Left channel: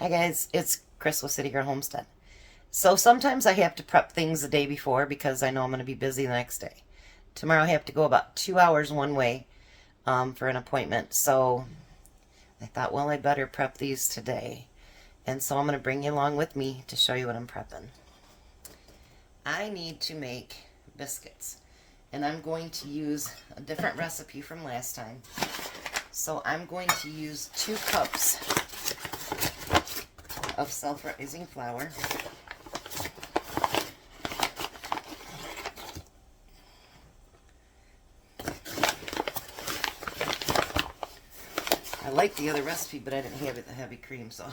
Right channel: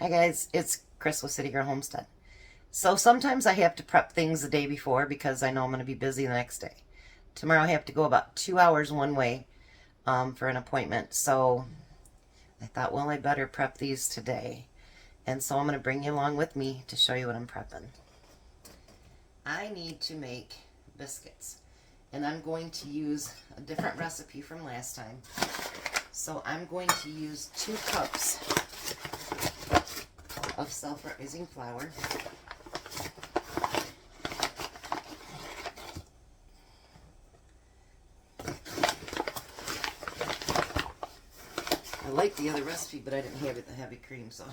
Hi guys, it's Chris with Citygirlhomestead. So sometimes I have to prep things the day before because I know I'm going to be busy the next day. Tomorrow I have to go about 2 hours one way for an appointment. So I thought, well, I better prep these today. And so I'm going to bring you along with me to show you what I'm prepping. I need to make biscuits. And I'm going to use a different recipe from last time. So I'm going to use 2 cups of self-rising flour. I like the other recipe, but I didn't have it the heavy cream, so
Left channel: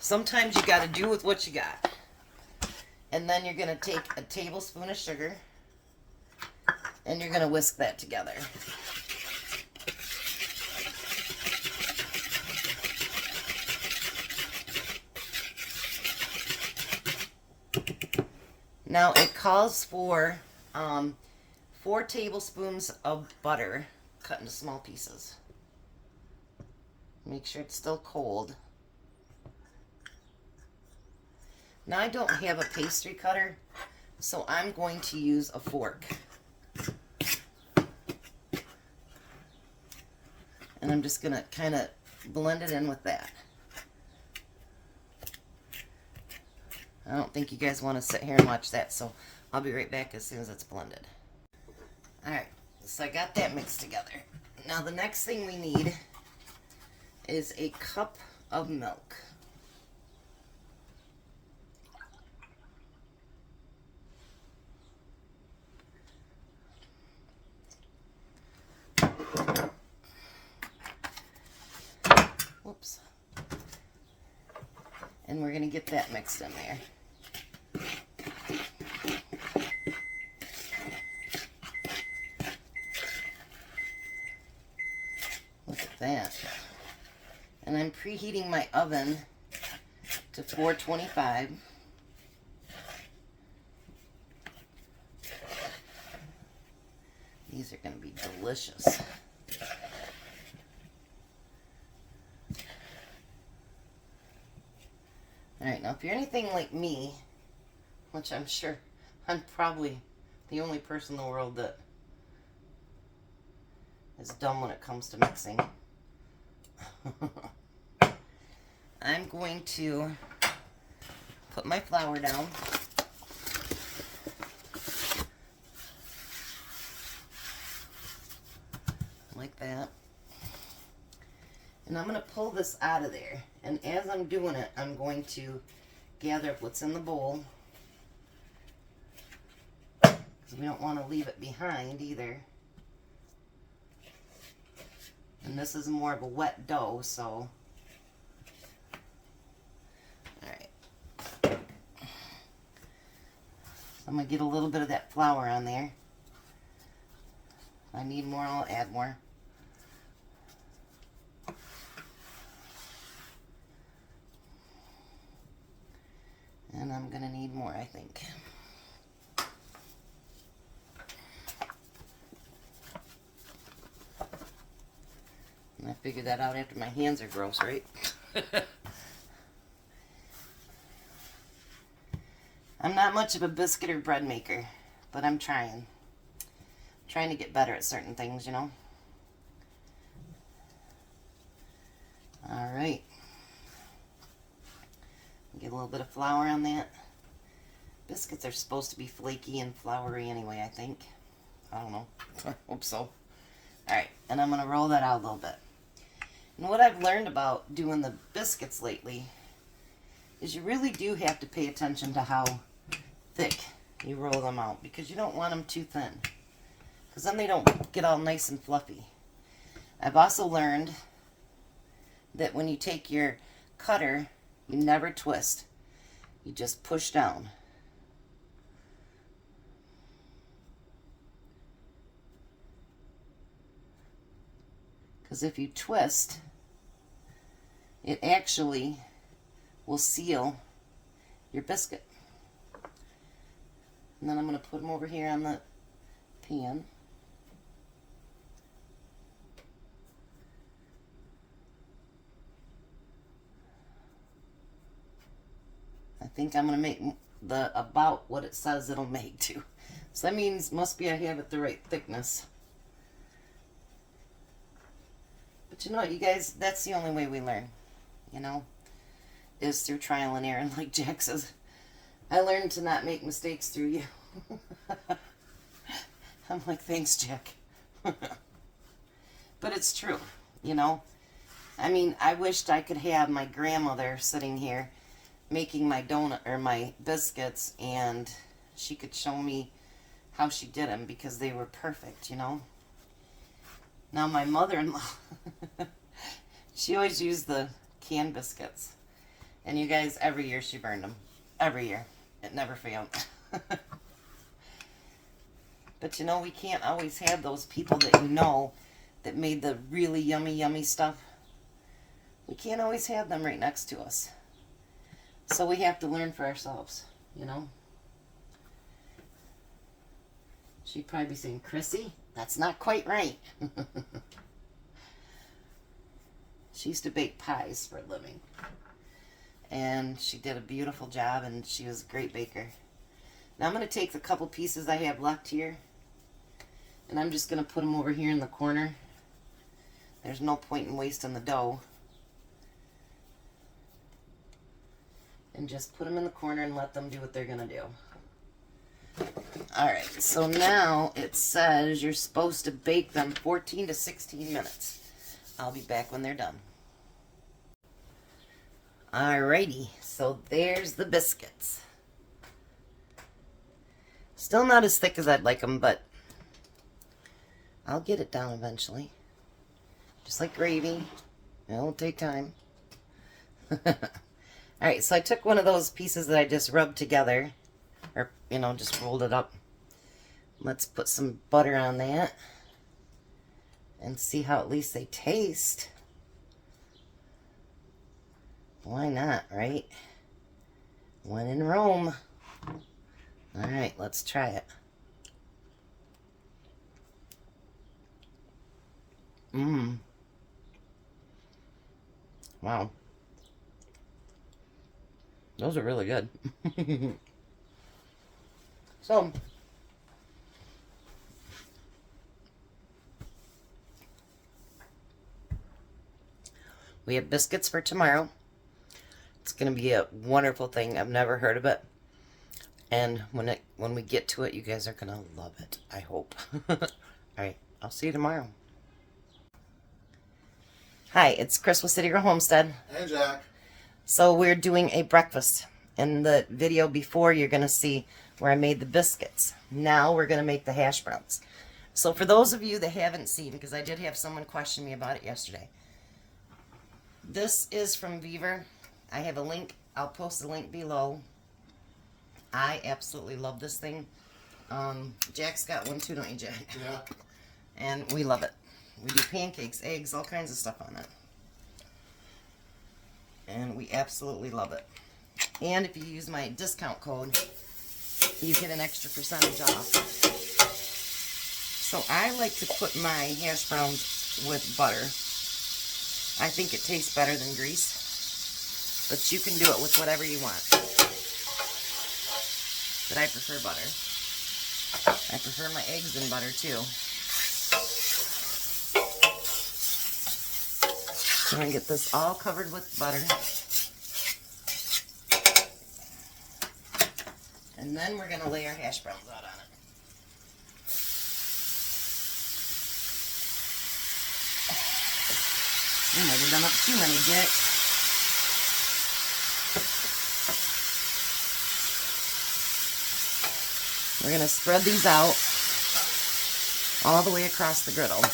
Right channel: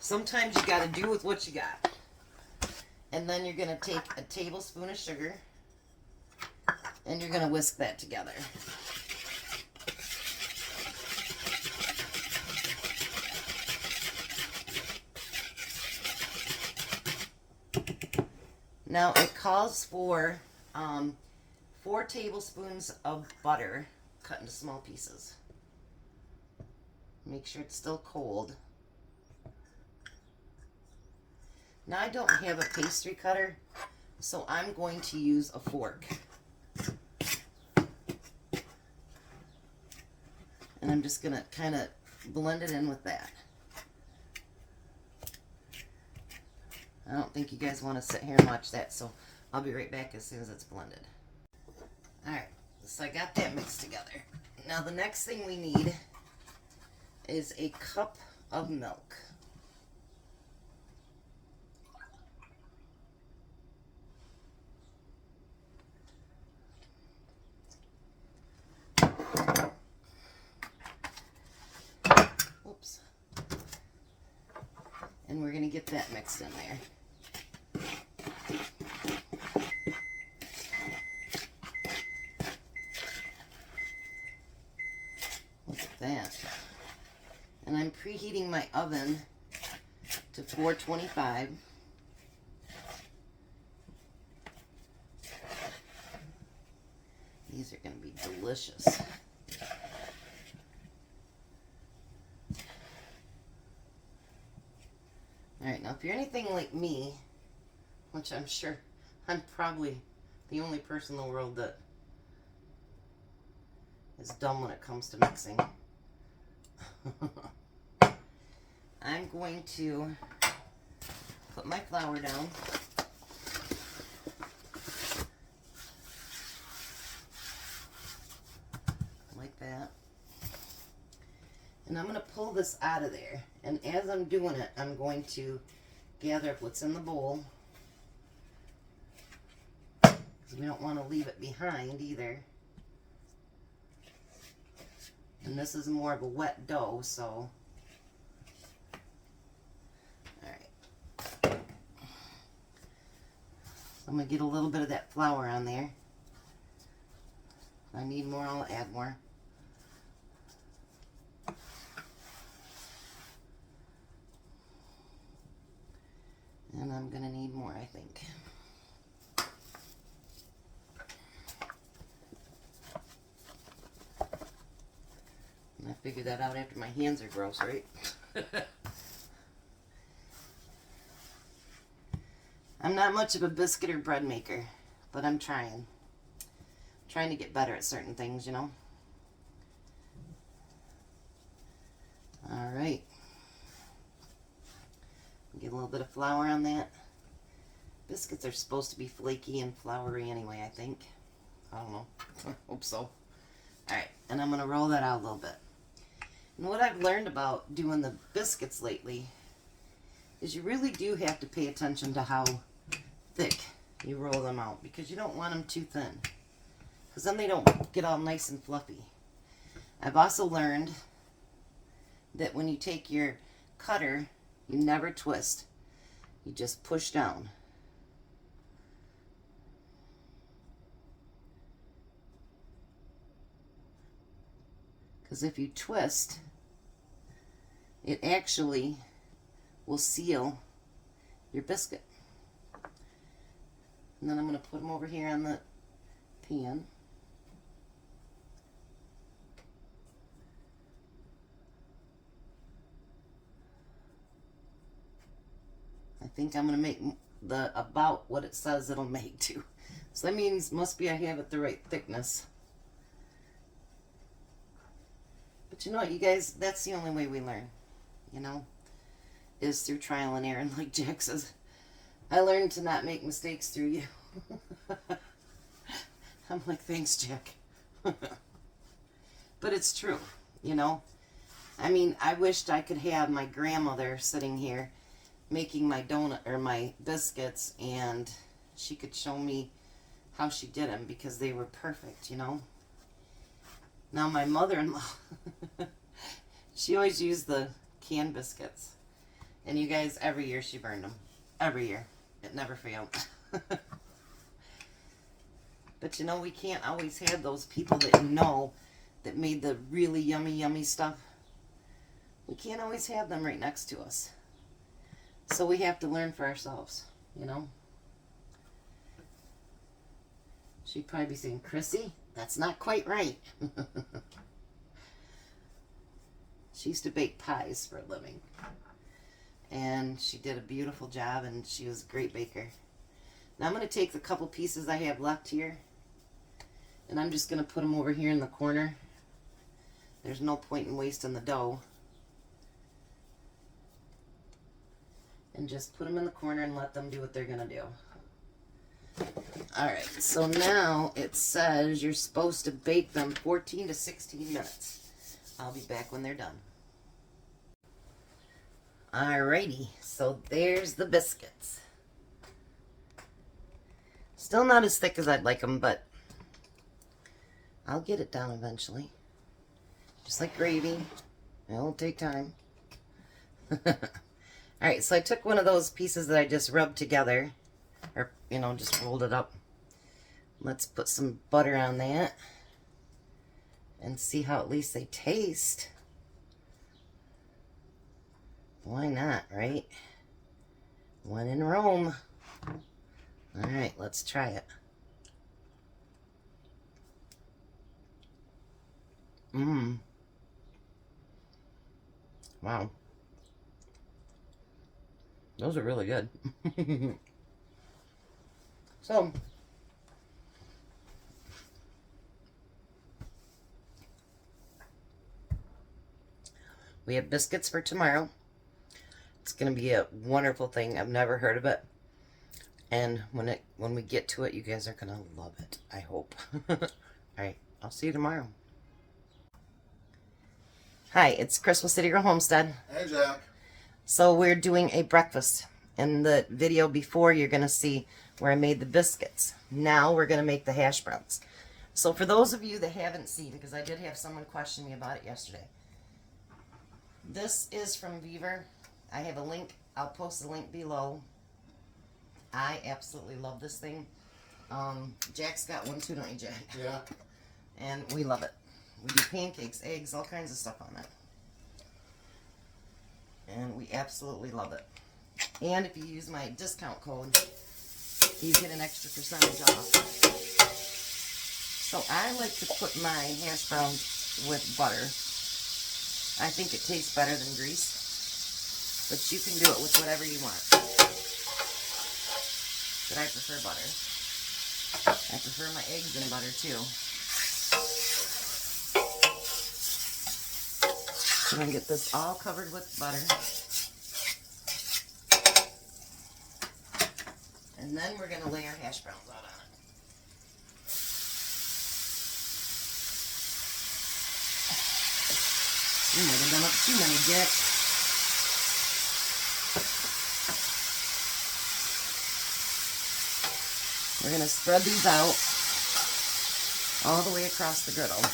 sometimes you got to do with what you got. And then you're going to take a tablespoon of sugar and you're going to whisk that together. Now it calls for 4 tablespoons of butter cut into small pieces. Make sure it's still cold. Now I don't have a pastry cutter, so I'm going to use a fork. And I'm just going to kind of blend it in with that. I don't think you guys want to sit here and watch that, so I'll be right back as soon as it's blended. Alright, so I got that mixed together. Now the next thing we need is a cup of milk. Whoops. And we're going to get that mixed in there. Look at that. And I'm preheating my oven to 425. These are going to be delicious. Alright, now if you're anything like me, which I'm sure I'm probably the only person in the world that is dumb when it comes to mixing, I'm going to put my flour down. Like that. And I'm going to pull this out of there. And as I'm doing it, I'm going to gather up what's in the bowl, because we don't want to leave it behind either. And this is more of a wet dough, so. Alright. So I'm going to get a little bit of that flour on there. If I need more, I'll add more. And I'm going to need more, I think. And I figured that out after my hands are gross, right? I'm not much of a biscuit or bread maker, but I'm trying. Trying to get better at certain things, you know. Alright. Get a little bit of flour on that. Biscuits are supposed to be flaky and floury anyway, I think. I don't know. I hope so. Alright, and I'm going to roll that out a little bit. And what I've learned about doing the biscuits lately is you really do have to pay attention to how thick you roll them out, because you don't want them too thin, because then they don't get all nice and fluffy. I've also learned that when you take your cutter, you never twist. You just push down. Because if you twist, it actually will seal your biscuit. And then I'm going to put them over here on the pan. I think I'm going to make about what it says it'll make too. So that means, must be I have it the right thickness. But you know what, you guys, that's the only way we learn, you know, is through trial and error. And like Jack says, I learned to not make mistakes through you. I'm like, thanks, Jack. But it's true, you know. I mean, I wished I could have my grandmother sitting here making my donut or my biscuits, and she could show me how she did them, because they were perfect, you know. Now my mother-in-law, she always used the canned biscuits, and you guys, every year she burned them. Every year. It never failed. But you know, we can't always have those people that you know that made the really yummy, yummy stuff. We can't always have them right next to us. So we have to learn for ourselves, you know. She'd probably be saying, Chrissy, that's not quite right. She used to bake pies for a living. And she did a beautiful job, and she was a great baker. Now I'm going to take the couple pieces I have left here, and I'm just going to put them over here in the corner. There's no point in wasting the dough. And just put them in the corner and let them do what they're going to do. Alright, so now it says you're supposed to bake them 14 to 16 minutes. I'll be back when they're done. Alrighty, so there's the biscuits. Still not as thick as I'd like them, but I'll get it down eventually. Just like gravy. It'll take time. Alright, so I took one of those pieces that I just rubbed together, or, you know, just rolled it up. Let's put some butter on that and see how at least they taste. Why not, right? When in Rome. Alright, let's try it. Wow. Those are really good. So, we have biscuits for tomorrow. It's going to be a wonderful thing. I've never heard of it. And when we get to it, you guys are going to love it, I hope. Alright, I'll see you tomorrow. Hi, it's Chris with Citygirlhomestead. Hey, Jack. So we're doing a breakfast. In the video before, you're going to see where I made the biscuits. Now we're going to make the hash browns. So for those of you that haven't seen, because I did have someone question me about it yesterday. This is from Beaver. I have a link. I'll post the link below. I absolutely love this thing. Jack's got one too, don't you, Jack? Yeah. And we love it. We do pancakes, eggs, all kinds of stuff on it. And we absolutely love it. And if you use my discount code, you get an extra percentage off. So I like to put my hash browns with butter. I think it tastes better than grease. But you can do it with whatever you want. But I prefer butter. I prefer my eggs in butter too. I'm going to get this all covered with butter. And then we're going to lay our hash browns out on it. You might have done it too many, Jack. We're going to spread these out all the way across the griddle.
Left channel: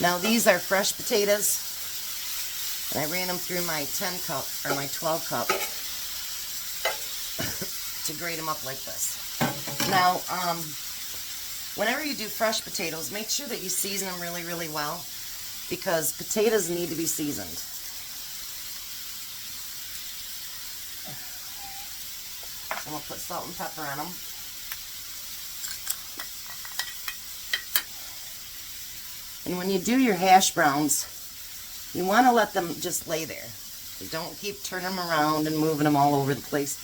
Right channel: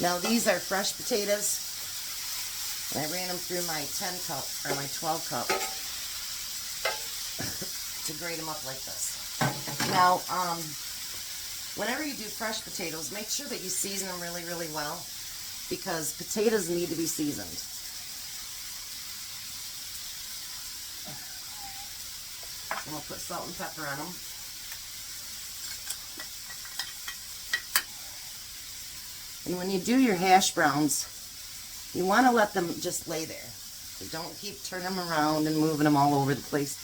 Now these are fresh potatoes, and I ran them through my 10 cup or my 12 cup to grate them up like this. Now, whenever you do fresh potatoes, make sure that you season them really, really well, because potatoes need to be seasoned. And we'll put salt and pepper on them. And when you do your hash browns, You want to let them just lay there. You don't keep turning them around and moving them all over the place.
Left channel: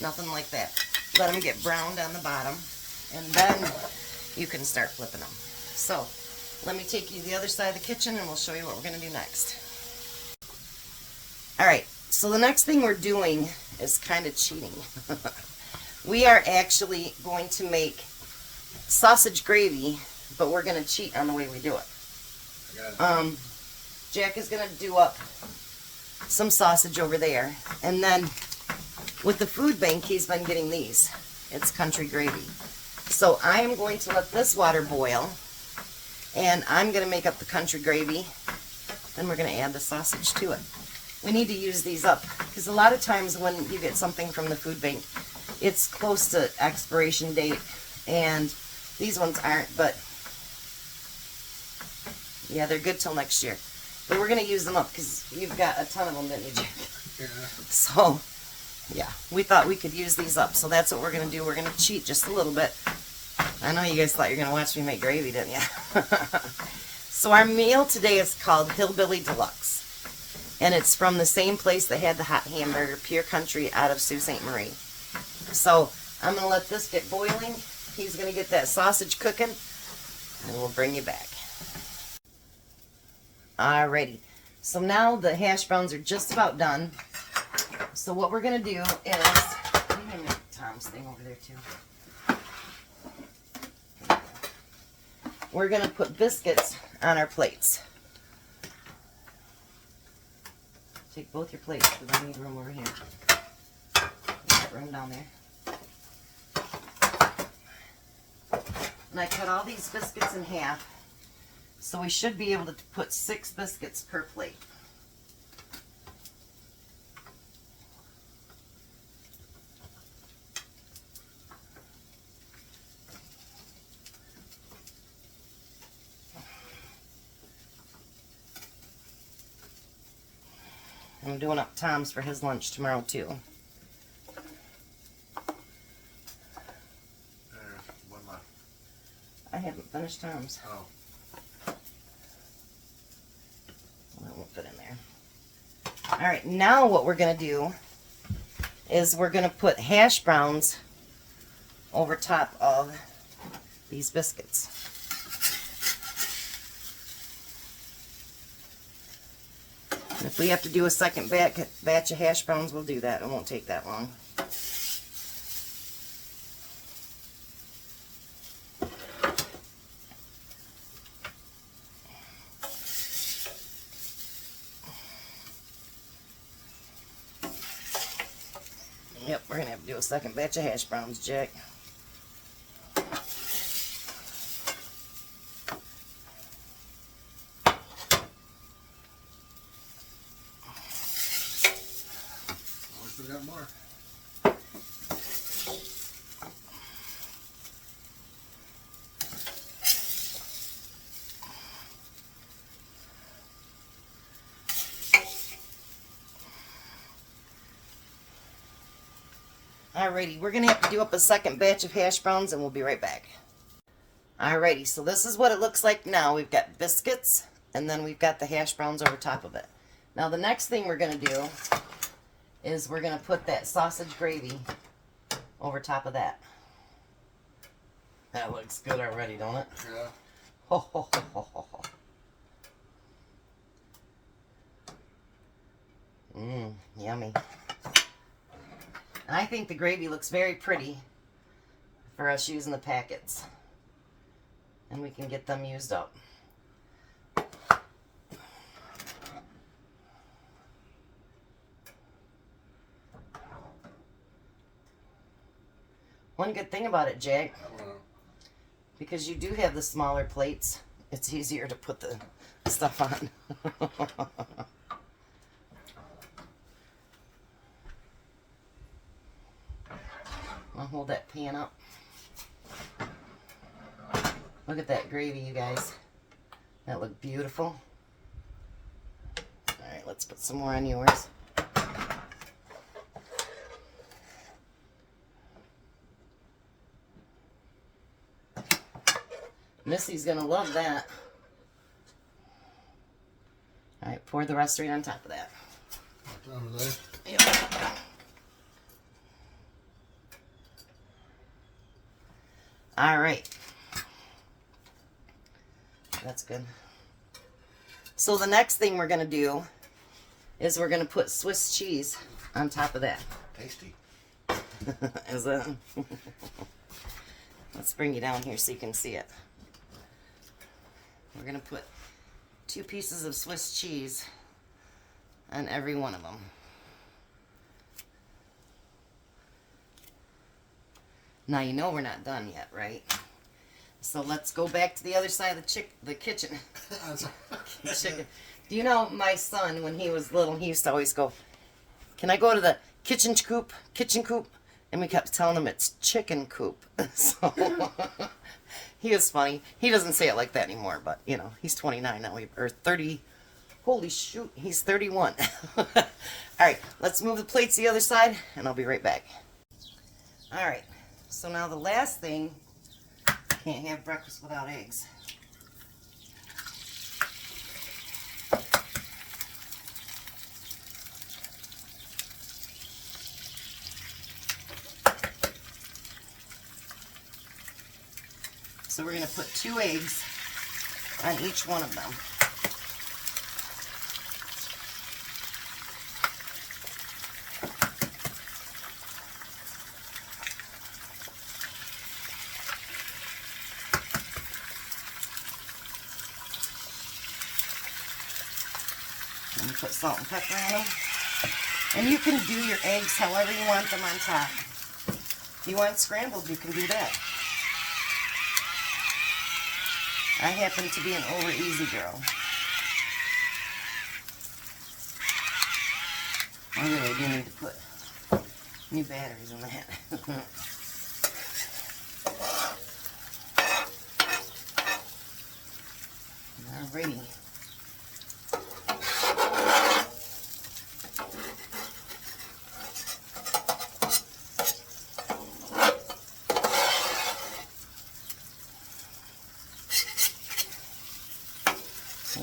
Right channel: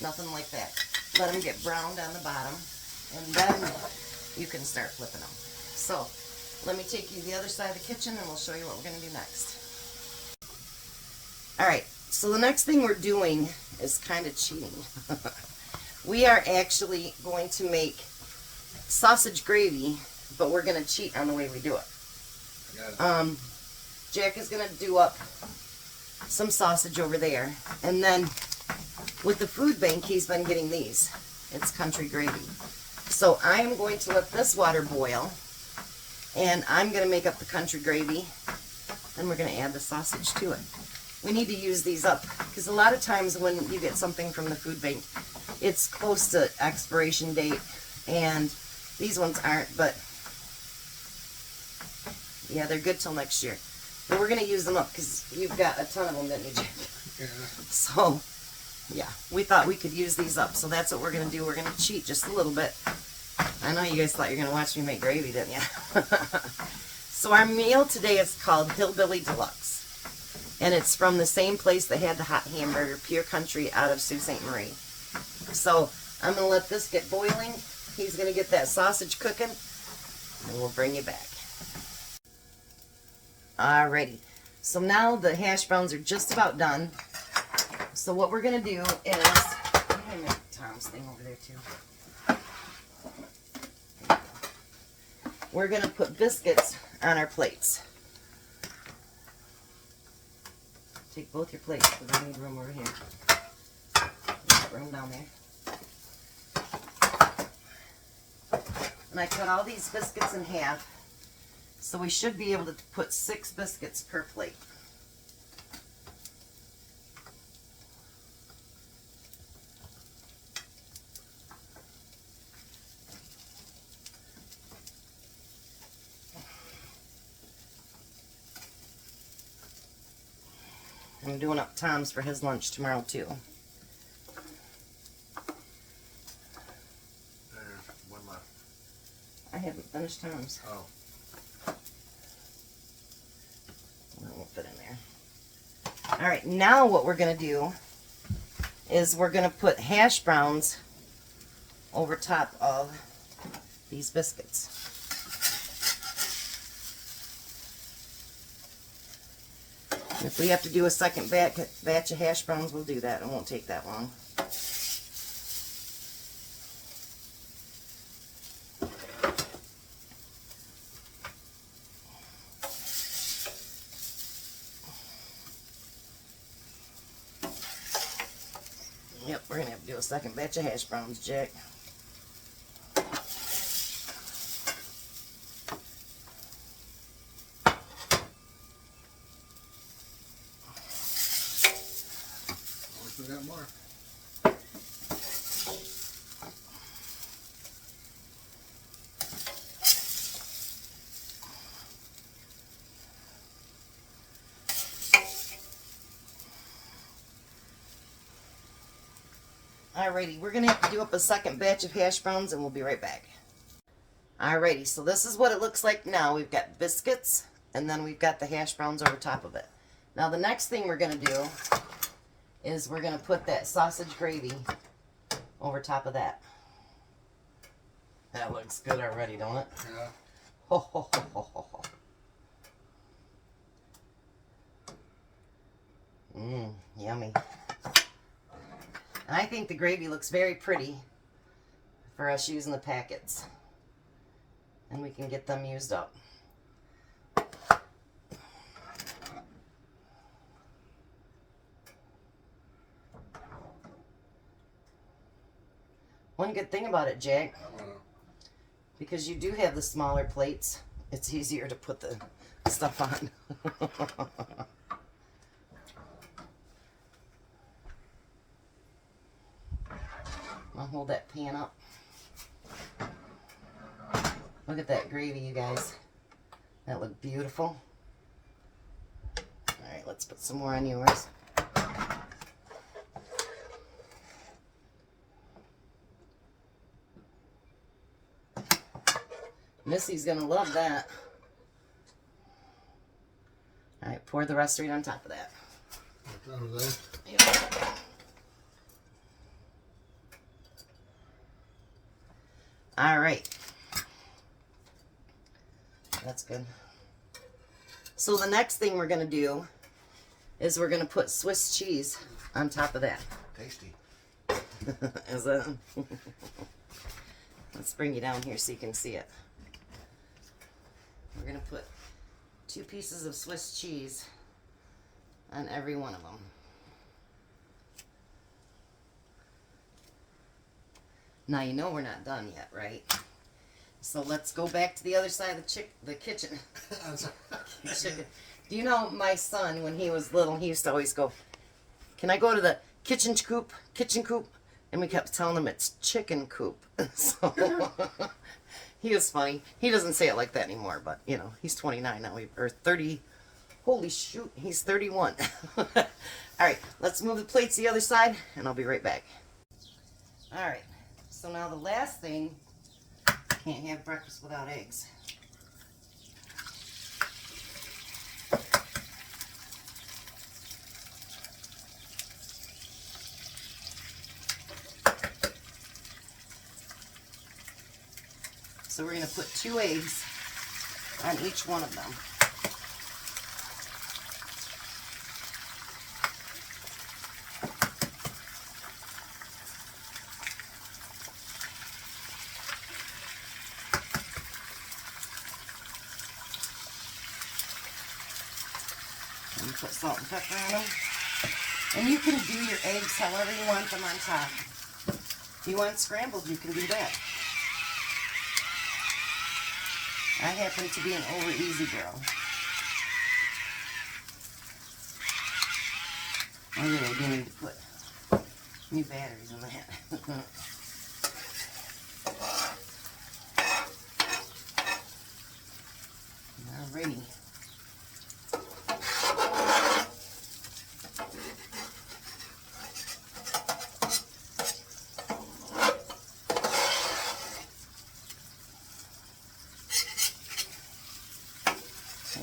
Nothing like that. Let them get browned on the bottom, and then you can start flipping them. So, let me take you to the other side of the kitchen and we'll show you what we're going to do next. Alright, so the next thing we're doing is kind of cheating. We are actually going to make sausage gravy, but we're going to cheat on the way we do it. Jack is going to do up some sausage over there, and then with the food bank he's been getting these. It's country gravy. So I am going to let this water boil, and I'm going to make up the country gravy, then we're going to add the sausage to it. We need to use these up, because a lot of times when you get something from the food bank, it's close to expiration date, and these ones aren't, but yeah, they're good till next year. But we're going to use them up, because you've got a ton of them, didn't you, Jack? Yeah. So, yeah, we thought we could use these up, so that's what we're going to do. We're going to cheat just a little bit. I know you guys thought you were going to watch me make gravy, didn't you? So our meal today is called Hillbilly Deluxe. And it's from the same place that had the hot hamburger, Pure Country, out of Sault Ste. Marie. So I'm going to let this get boiling. He's going to get that sausage cooking, and we'll bring you back. Alrighty. So now the hash browns are just about done. So what we're going to do is, I'm going to make Tom's thing over there too. We're going to put biscuits on our plates. Take both your plates, because I need room over here. Got room down there. And I cut all these biscuits in half, so we should be able to put 6 biscuits per plate. I'm doing up Tom's for his lunch tomorrow too. One left. I haven't finished Tom's. Oh. That won't fit in there. Alright, now what we're going to do is we're going to put hash browns over top of these biscuits. If we have to do a second batch of hash browns, we'll do that. It won't take that long. Yep, we're going to have to do a second batch of hash browns, Jack. We got more. Alrighty, we're going to have to do up a second batch of hash browns, and we'll be right back. Alrighty, so this is what it looks like now. We've got biscuits, and then we've got the hash browns over top of it. Now the next thing we're going to do is we're going to put that sausage gravy over top of that. That looks good already, don't it? Yeah. Ho, ho, ho, ho, ho, ho. Yummy. And I think the gravy looks very pretty for us using the packets. And we can get them used up. One good thing about it, Jack, because you do have the smaller plates, it's easier to put the stuff on. I'll hold that pan up. Look at that gravy, you guys. That looked beautiful. Alright, let's put some more on yours. Missy's gonna love that. Alright, pour the rest right on top of that. Over there. Yep. Alright. That's good. So the next thing we're going to do is we're going to put Swiss cheese on top of that. Tasty. Is that? Let's bring you down here so you can see it. We're going to put 2 pieces of Swiss cheese on every one of them. Now you know we're not done yet, right? So let's go back to the other side of the kitchen. Chicken. Do you know my son, when he was little, he used to always go, "Can I go to the kitchen coop? Kitchen coop?" And we kept telling him it's chicken coop. So he was funny. He doesn't say it like that anymore, but you know, he's 29 now, or 30. Holy shoot, he's 31. All right, let's move the plates to the other side, and I'll be right back. All right, so now the last thing, can't have breakfast without eggs. So we're going to put 2 eggs on each one of them. And put salt and pepper in them. And you can do your eggs however you want them on top. If you want scrambled, you can do that. I happen to be an over easy girl. I really do need to put new batteries in that. Alrighty.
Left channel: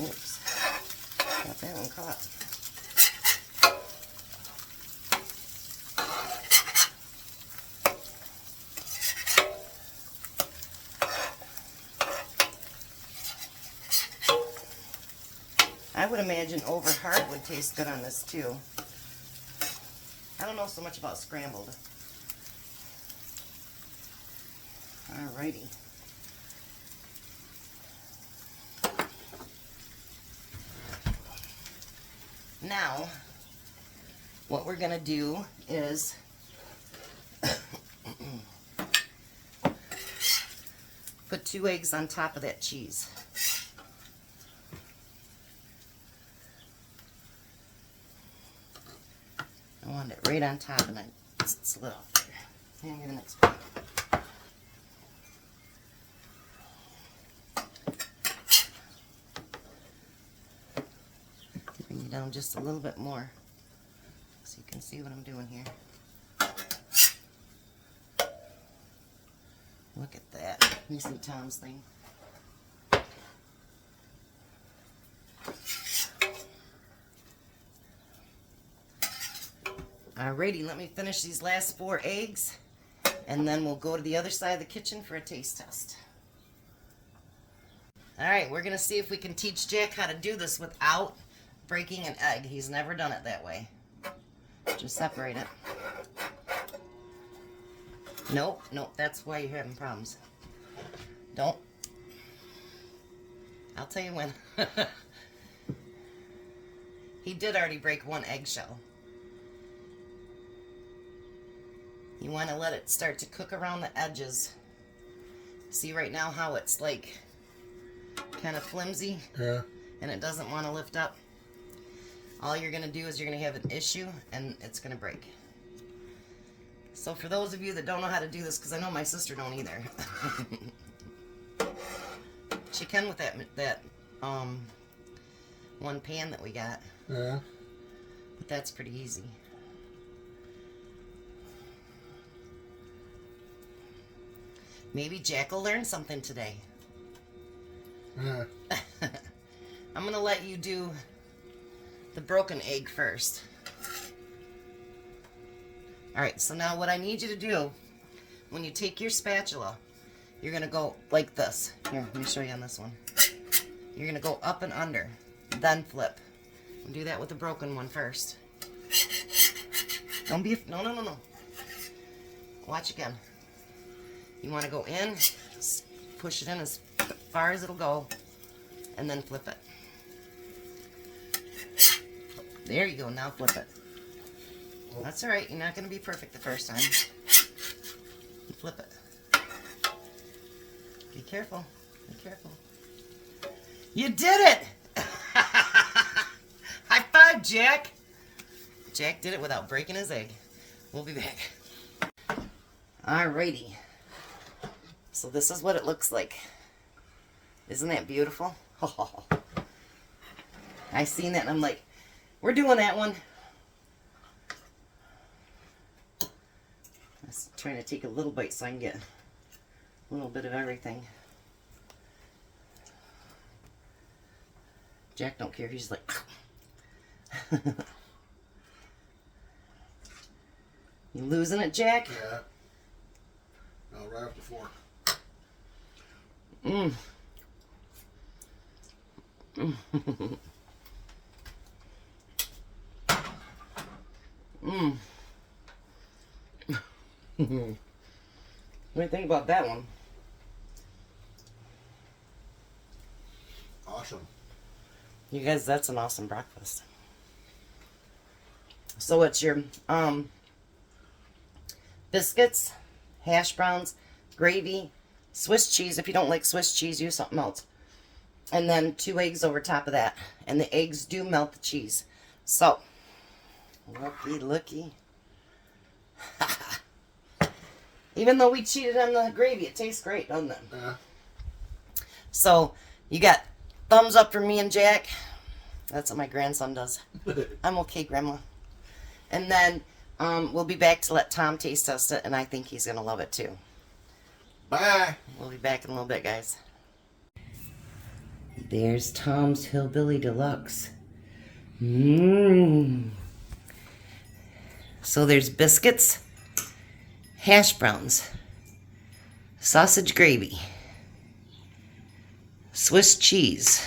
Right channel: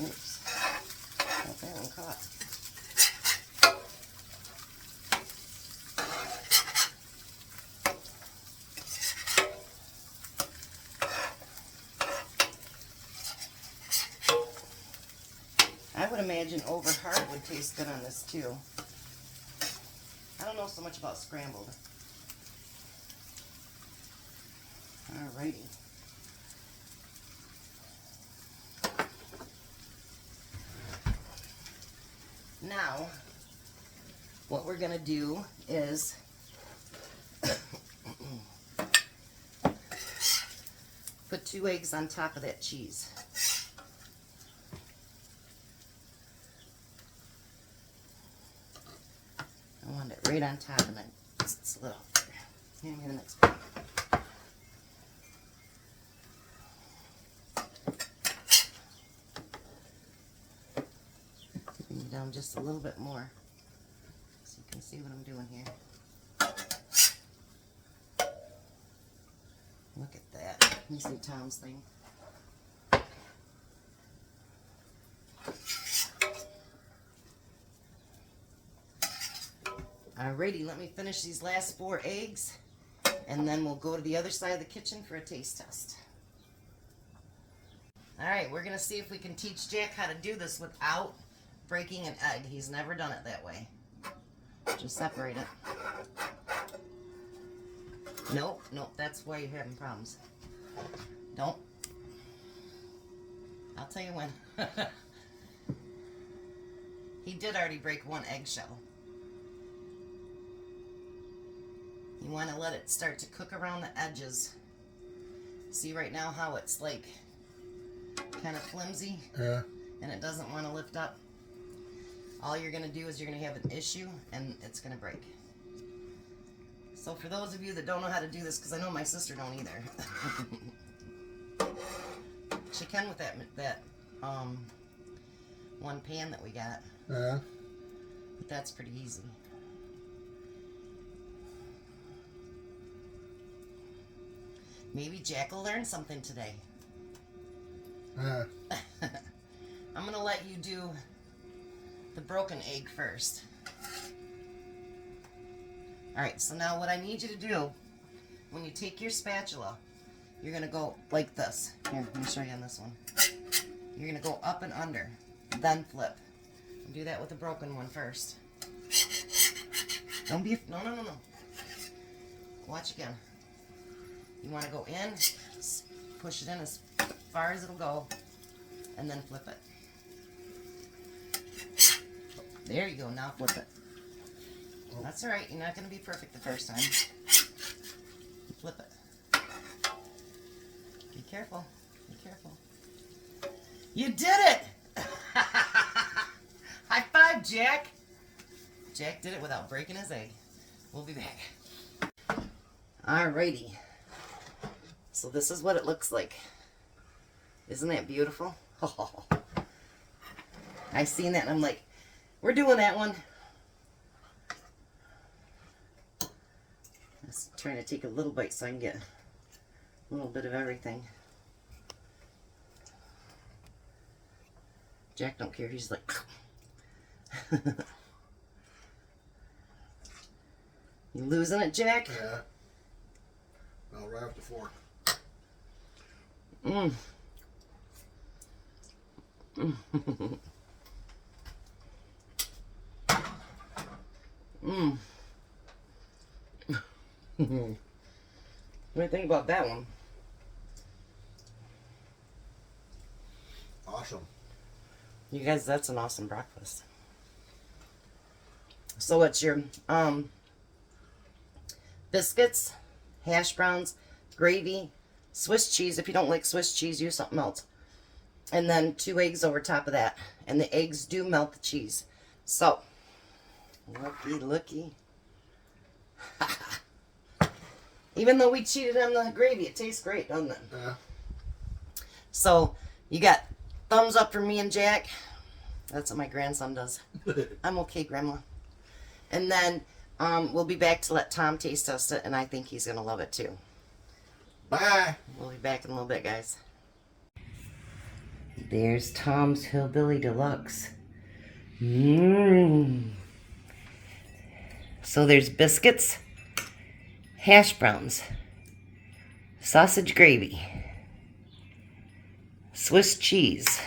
Oops. Got that one caught. I would imagine over hard would taste good on this too. I don't know so much about scrambled. Alrighty. Now, what we're going to do is put 2 eggs on top of that cheese. I want it right on top and I slid off there. Hand me the next plate. Bring it down just a little bit more so you can see what I'm doing here. Look at that. You see Tom's thing? Alrighty, let me finish these last 4 eggs and then we'll go to the other side of the kitchen for a taste test. Alright, we're going to see if we can teach Jack how to do this without breaking an egg. He's never done it that way. Just separate it. Nope, nope, that's why you're having problems. Don't. I'll tell you when. He did already break 1 eggshell. You want to let it start to cook around the edges. See right now how it's like kind of flimsy? Yeah. And it doesn't want to lift up? All you're going to do is you're going to have an issue and it's going to break. So for those of you that don't know how to do this, because I know my sister don't either. She can with that one pan that we got. Yeah. But that's pretty easy. Maybe Jack will learn something today. Yeah. I'm going to let you do the broken egg first. Alright, so now what I need you to do, when you take your spatula, you're going to go like this. Here, let me show you on this one. You're going to go up and under, then flip. And do that with the broken one first. Don't be, no. Watch again. You want to go in, push it in as far as it'll go, and then flip it. There you go, now flip it. That's alright, you're not going to be perfect the first time. Flip it. Be careful, be careful. You did it! High five, Jack! Jack did it without breaking his egg. We'll be back. Alrighty. So this is what it looks like. Isn't that beautiful? Oh. I seen that and I'm like, we're doing that one. I was trying to take a little bite so I can get a little bit of everything. Jack don't care. He's like... You losing it, Jack? Yeah. No, right off the fork. Mmm. Mmm. What do you think about that one? Awesome. You guys, that's an awesome breakfast. So it's your biscuits, hash browns, gravy, Swiss cheese. If you don't like Swiss cheese, use something else. And then 2 eggs over top of that. And the eggs do melt the cheese. So, looky. Even though we cheated on the gravy, it tastes great, doesn't it? Yeah. So, you got thumbs up for me and Jack. That's what my grandson does. I'm okay, Grandma. And then we'll be back to let Tom taste test it, and I think he's going to love it too. Bye. We'll be back in a little bit, guys. There's Tom's Hillbilly Deluxe. Mmm. So there's biscuits, hash browns, sausage gravy, Swiss cheese,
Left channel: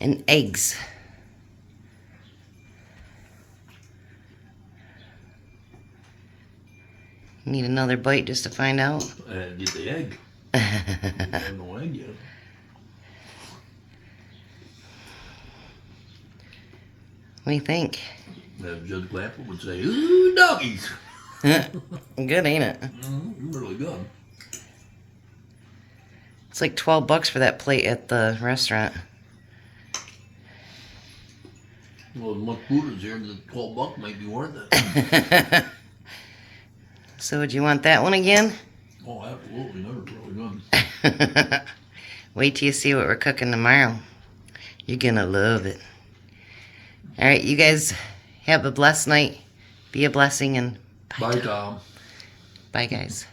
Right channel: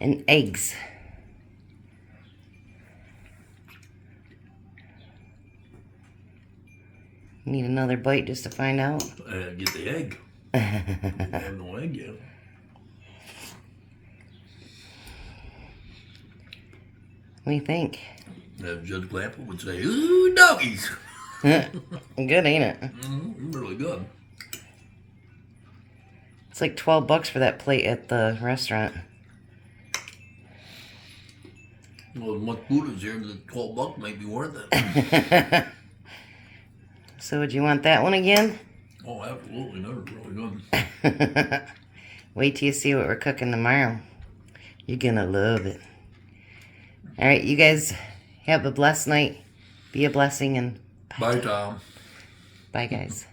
and eggs. Need another bite just to find out. Get the egg. I have no egg yet. What do you think? As Judge Glample would say, ooh, doggies. Good, ain't it? Really good. It's like $12 for that plate at the restaurant. Well, as much food is here, the $12 might be worth it. So would you want that one again? Oh, absolutely. They're really good. Wait till you see what we're cooking tomorrow. You're gonna love it. Alright, you guys have a blessed night. Be a blessing and Bye, Tom. bye, guys.